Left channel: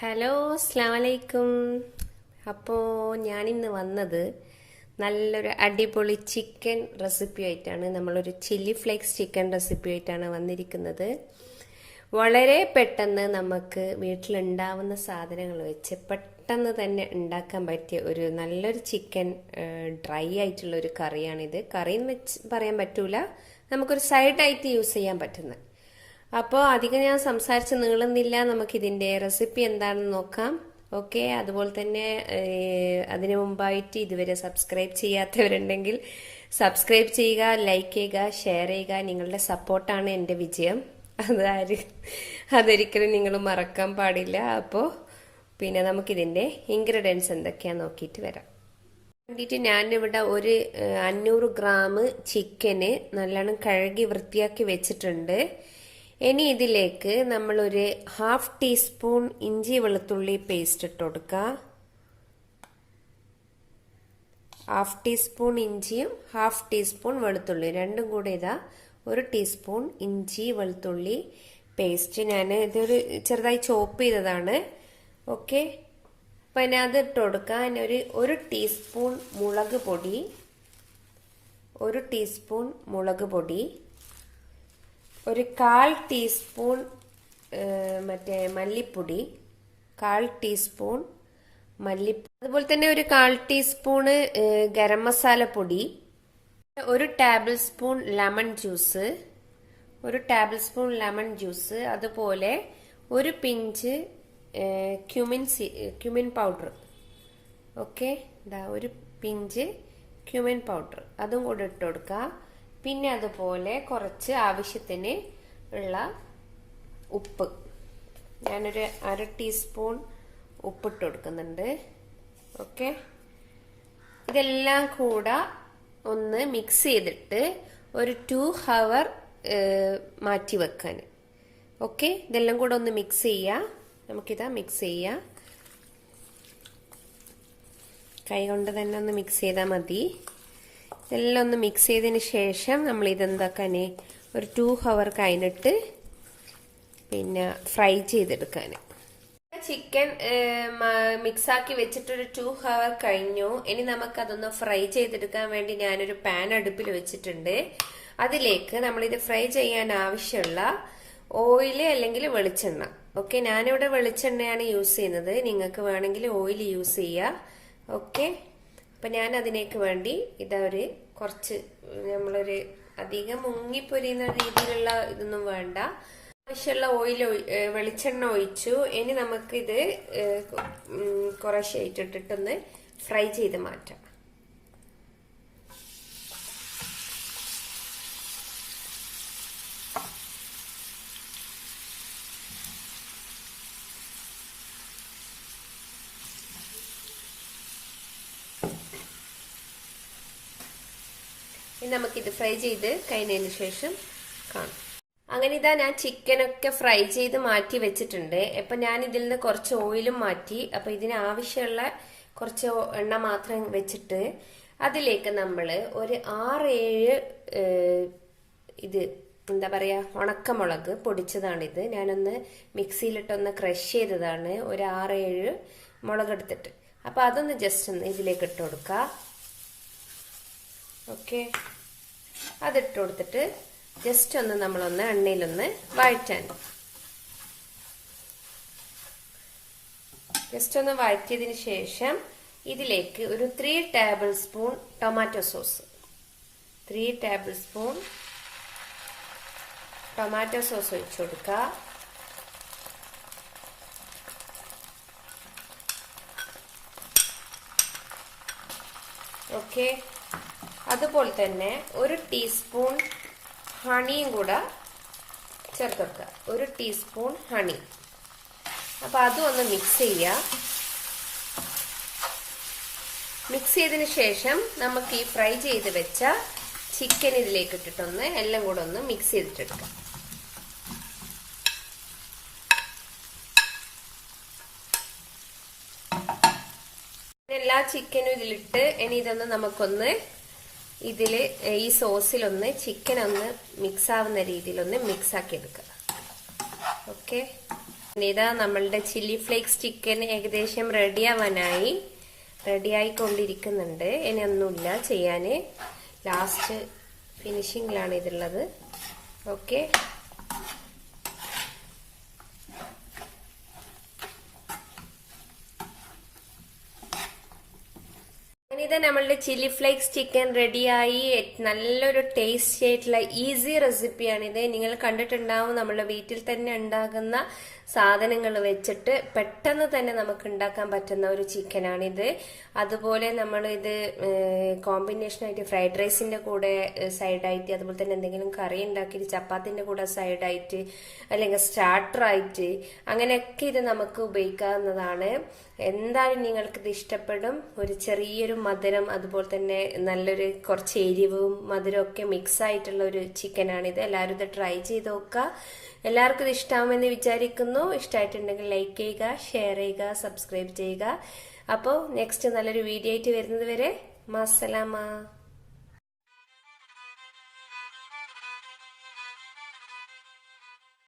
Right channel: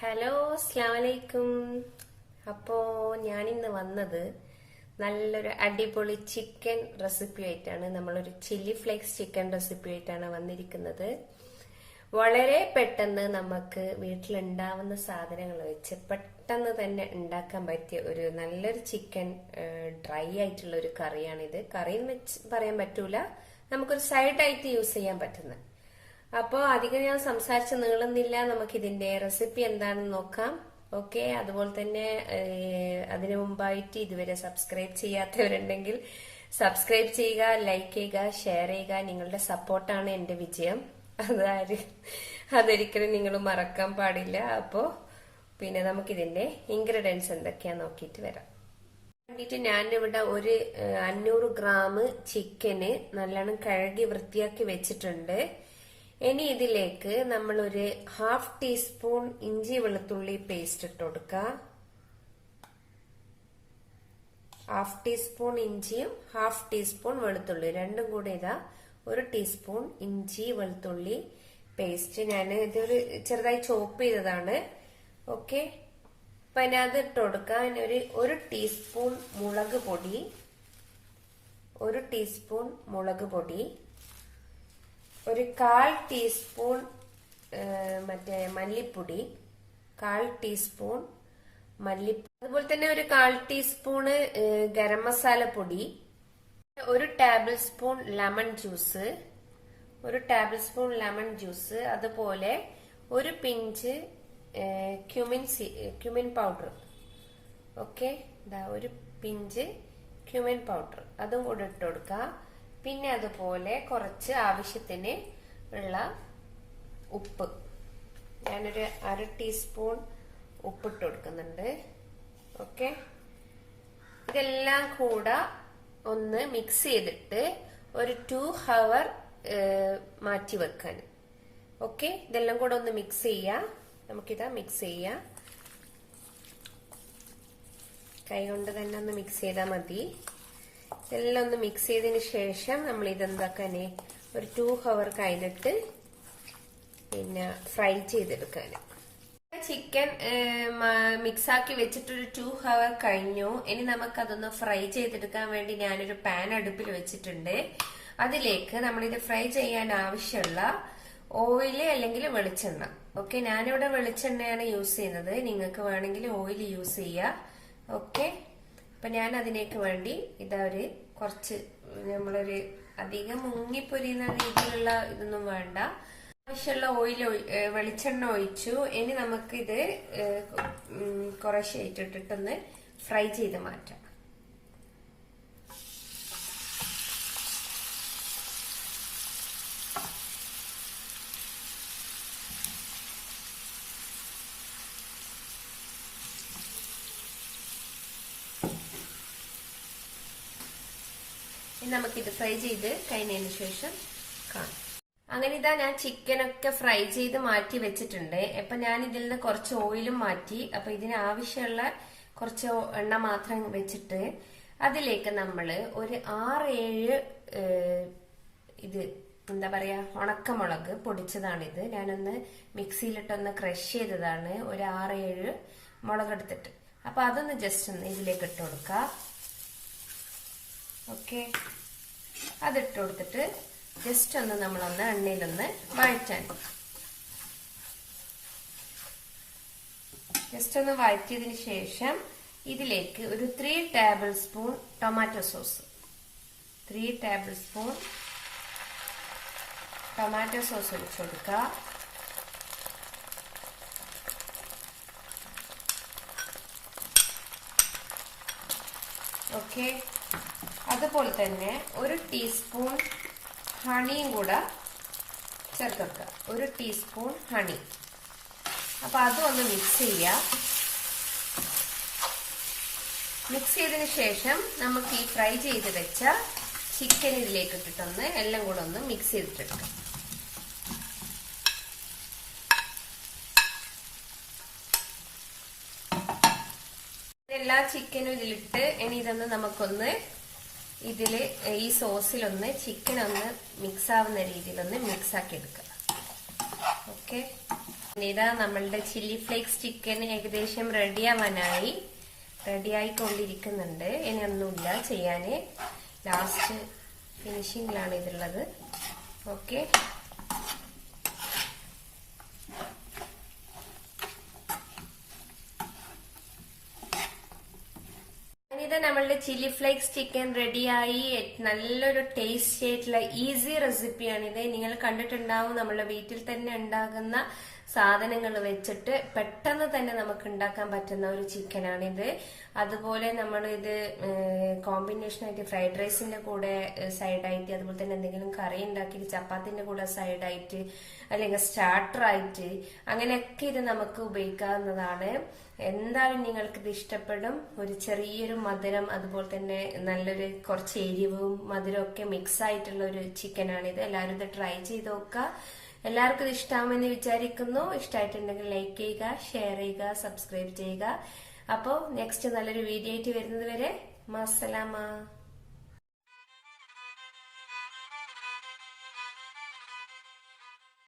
Hello, അസ്സലാമലൈക്കും. അപ്പോൾ ഞാനിന്ന് വന്നത് നല്ലൊരു അടിപൊളി ചിക്കൻ റെസിപ്പി ആയിട്ടാണ്. നമ്മളൊരു ചില്ലി ഫ്ലേക്സ് ചിക്കൻ റെസിപ്പി ആയിട്ടാണ് വന്നിരിക്കുന്നത്. വളരെ പെട്ടെന്ന് നമുക്ക് വീട്ടിലുണ്ടാവുന്ന സാധനങ്ങൾ വെച്ച് പെട്ടെന്ന് തന്നെ ഉണ്ടാക്കാൻ പറ്റിയ ഒരു നല്ലൊരു ചിക്കൻ ഡ്രൈ ആയിട്ടുള്ള ഒരു കറിയാണിത്. കറി എന്ന് വെച്ച് പറയാൻ പറ്റൂല, നമുക്കൊരു സൈഡായിട്ട് യൂസ് ചെയ്യാൻ പറ്റുന്ന. അപ്പോൾ അധികം ഞാൻ സംസാരിച്ച് നീളുന്നില്ല, നമുക്കിതിൻ്റെ റെസിപ്പി എന്താണെന്ന് നോക്കാം. ഓക്കെ, അതുപോലെ തന്നെ അതിനു മുമ്പായിട്ട് ഇതുവരെ സബ്സ്ക്രൈബ് ചെയ്യാത്തവരുണ്ടെങ്കിൽ സബ്സ്ക്രൈബ് ചെയ്യുക, ലൈക്ക് ചെയ്യുക, ഷെയർ ചെയ്യുക. നിങ്ങളുടെ സപ്പോർട്ടാണ് എൻ്റെ വിജയം. അതൊരിക്കലും നിങ്ങൾ മറക്കാൻ പാടില്ല. അപ്പോൾ പിന്നെ നമുക്കിതിൻ്റെ ഇൻഗ്രീഡിയൻസ് എന്തൊക്കെയാന്ന് നോക്കിയിട്ട് വരാം. വേണ്ടിയിട്ട് ഞാനിവിടെ ഒരു 500 ഗ്രാം ചിക്കന് നല്ലോണം കഴുകി വൃത്തിയാക്കി വെച്ചിട്ടുണ്ട്. ഇനി ഇതിലേക്ക് നമ്മളൊരു 1/2 ടീസ്പൂൺ ഇഞ്ചി വെളുത്തുള്ളി പേസ്റ്റ് ഇട്ട് കൊടുക്കുക. 1/2 ടീസ്പൂൺ ഇഞ്ചിയും 1/2 ടീസ്പൂൺ വെളുത്തുള്ളി രണ്ടും കൂടെ 1 ടീസ്പൂൺ ഇഞ്ചി വെളുത്തുള്ളി പേസ്റ്റ്. ഞാൻ ഇതൊരു ചെറുതായി ചോപ്പ് ചെയ്തതാണ്. ഓക്കെ, അപ്പം അതിന് അത് ഇട്ട് കൊടുക്കുക. അതിന് ഒരു ടീസ്പൂൺ മുളക് പൊടി, 1 ടീസ്പൂൺ മുളക് പൊടി, ഒരു 1/4 ടീസ്പൂൺ മറ്റേ മല്ലിപ്പൊടി, 1/4 ടീസ്പൂൺ മല്ലിപ്പൊടി, അതുപോലെ തന്നെ ഒരു 1/4 ടീസ്പൂണ് ഗരം മസാല പൊടി, 1 table spoon lemon juice, 1 table spoon lemon juice, അതുപോലെ ഒരു പിഞ്ച് ക്യുമിൻ പൗഡർ. ഓക്കെ, ഒരു പിഞ്ച് ക്യുമിൻ പൗഡർ അതും കൂടെ ഇട്ട് കൊടുക്കുക. പിന്നെ അതുപോലെ കുറച്ച് ആവശ്യത്തിന് ഉള്ള ഉപ്പ്, ഞാനൊരു 1/2 ടീസ്പൂൺ ഉപ്പിട്ട് കൊടുക്കുന്നുണ്ട്. ഓക്കെ, ഇതെല്ലാം കൂടെ ഒന്ന് മിക്സ് ചെയ്തിട്ട് ഒരു 2 hour മാറ്റി വെക്കാൻ. ഓക്കെ, ഇതെല്ലാം കൂടെ ഒന്ന് മിക്സ് ചെയ്യാം. നമുക്കിതാ മിക്സ് ചെയ്യാം. കൈ കൊണ്ട് തന്നെ ഒന്ന് മിക്സ് ചെയ്താൽ മതി. ഇതെല്ലാം ഒന്ന് മിക്സ് ചെയ്തതിന് ശേഷം നമ്മൾ ഇതെന്താക്കാന് ഒരു 2 hour കഴിഞ്ഞിട്ട് പിന്നെ ഫ്രൈ ചെയ്തെടുക്കാൻ. ചിക്കൻ മിക്സാക്കി വെച്ചിട്ടൊരു 2 hour കഴിഞ്ഞു. ഇനി നമുക്കതൊന്ന് ഫ്രൈ ചെയ്തെടുക്കാൻ വേണ്ടി ഞാനൊരു പാൻ അടുപ്പിൽ വെച്ചിട്ടുണ്ട്. അതിലേക്ക് നമ്മളിത് ഫ്രൈ ചെയ്യാൻ ആവശ്യമുള്ള ഓയില് അല്ലെങ്കിൽ വെളിച്ചെണ്ണ. ഓക്കെ, ഞാനിവിടെ വെളിച്ചെണ്ണയാണ് യൂസ് ചെയ്യുന്നത്, നിങ്ങൾക്ക് വേണമെങ്കിൽ ഓയിൽ യൂസ് ചെയ്യുക. ഓക്കെ, അപ്പൊ ഞാൻ അതിനേക്ക് വേണ്ടി കുറച്ച് നമ്മളൊരു അധികം മുങ്ങിപ്പൊരിയുന്ന രീതിയിലുള്ള ഇതൊന്നും വേണ്ട, ആവശ്യമുള്ള ഓയിൽ വെളിച്ചെണ്ണ ഒഴിച്ചു. ഇനി നമുക്കിത് കുറേശ്ശെ ഇട്ടിട്ടൊന്ന് ഫ്രൈ ചെയ്ത് മാറ്റാം. നമുക്കിത് ഫ്രൈ ചെയ്ത് കഴിഞ്ഞതിന് ശേഷം കാണാം. അങ്ങനെ ഇതാ ഞാൻ ചിക്കനൊക്കെ ഫ്രൈ ചെയ്ത് മാറ്റി വെച്ചിട്ടുണ്ട്. അപ്പൊ ഞാൻ ഇതിൽ നിന്ന് കുറച്ച് ഓയിലും മാറ്റി. അപ്പൊ ഇതിന് ആവശ്യമുള്ള കുറച്ച് എണ്ണ മാത്രം വെച്ചിട്ട് അതിലേക്ക് നമ്മള് ഒരു 6-7 ഇത് എന്താ പറയാ ഉണക്കമുളക് പൊടിച്ചതാണിത്. ഞാനൊന്ന് മിക്സിയിലിട്ടൊന്ന് ക്രഷ് ചെയ്തതാണ്. ഒരു 6-7 മുളക് എടുത്തിട്ട് അപ്പൊ അതൊന്ന് ജസ്റ്റ് ഒന്ന് ഇതിലേക്ക് ഇട്ട് കൊടുക്കുക. ഓക്കെ, അതിട്ട് കൊടുത്തിട്ട് ജസ്റ്റ് ഒന്ന് നമ്മളൊന്ന് എണ്ണയിലൊന്ന് വഴറ്റാൻ. ജസ്റ്റ് ഒന്ന് വഴറ്റിയതിന് ശേഷം ഇതിലേക്ക് ഒരു 3 table spoon tomato sauce, 3 table spoon tomato sauce ഒഴിച്ചു കൊടുക്കുക. ഓക്കെ, അതുപോലെ തന്നെ 1 ടീസ്പൂൺ ഹണിയും കൂടെ ചേർക്കുക, 1 ടീസ്പൂൺ ഹണി. അപ്പൊ അതും ഒന്ന് മിക്സ് ചെയ്യാം. മിക്സ് ചെയ്തതിന് ശേഷം നമുക്ക് ഈ ഫ്രൈ ചെയ്ത് വെച്ച ചിക്കൻ ഇതിലേക്ക് ഇട്ടിട്ടൊന്ന് എല്ലാം കൂടെ ഒന്ന് മിക്സ് ചെയ്തിട്ടെടുക്കാം. എല്ലാ ചിക്കനും ഇതിലിട്ട് ഇനി ഇതൊന്ന് നമുക്കൊന്ന് ഇതില് ഈ സോസിലൊന്ന് ചിക്കൻ ഒന്ന് മിക്സ് ആവുന്ന രീതിയിൽ ഒന്ന് മിക്സ് ആക്കി എടുക്കാം. ഓക്കെ, ഇതാ നമ്മളുടെ ചില്ലി ഫ്ലേക്സ് ചിക്കൻ ഏകദേശം റെഡിയായിക്കൊണ്ടിരിക്കുന്നുണ്ട്. ഇനി ഒന്നുമില്ല ചെയ്യാന്, ലാസ്റ്റ് ഫിനിഷിങ്ങിലാണ് ഇതുള്ളത്. ഓക്കെ, ഇത് നമ്മളുടെ ചില്ലി ഫ്ലേക്സ് ചിക്കൻ റെഡിയായി. നല്ലൊരു ടേസ്റ്റി ആയിട്ടുള്ള ഈസി റെസിപ്പിയാണിത്. നിങ്ങൾ കണ്ടിട്ടുണ്ടാവും, നമ്മളെ വീട്ടിൽ തന്നെ ഉണ്ടാകുന്ന സാധനങ്ങൾ വെച്ചിട്ട് പെട്ടെന്ന് തന്നെ നമുക്ക് ഉണ്ടാക്കാൻ പറ്റുന്ന ഒരു ചിക്കനാണിത്. അതുപോലെ നമ്മൾ ഇത് കോമ്പിനേഷനായിട്ട് ഫ്രൈഡ് റൈസിന്റെ കൂടെ സൈഡായിട്ട്, അതുപോലെ തന്നെ എന്തെങ്കിലും കറി ഉണ്ടാക്കിയിട്ട് ചപ്പാത്തിന്റെ കൂടെ സൈഡായിട്ട്, അല്ലെങ്കിൽ സ്റ്റാർട്ടറായിട്ട്, അങ്ങനെയൊക്കെ ഇത് നമുക്ക് ഉപയോഗിക്കാവുന്നതാണ്. എന്തായാലും നിങ്ങൾക്ക് ഇത് ഇഷ്ടപ്പെടും. ഒരു ചെറിയൊരു മധുരം, അതുപോലെ തന്നെ നല്ലൊരു കുറച്ച് എരിവും മധുരവും ഒക്കെ മിക്സ് ആയിട്ടുള്ള ഒരു ചിക്കനാണിത്. എല്ലാവരും ഇത് ട്രൈ ചെയ്ത് നോക്കുക. എല്ലാവർക്കും ഇത് ഇഷ്ടമാകുമെന്ന് വിചാരിക്കുന്നു. ഇഷ്ടമായിട്ടുണ്ടെങ്കിൽ ലൈക്ക് ചെയ്യുക, ഷെയർ ചെയ്യുക, സബ്സ്ക്രൈബ് ചെയ്യുക. അപ്പോൾ നെക്സ്റ്റ് നല്ലൊരു വീഡിയോ ആയിട്ട് വരുന്നത് വരെ മസ്സലാമ.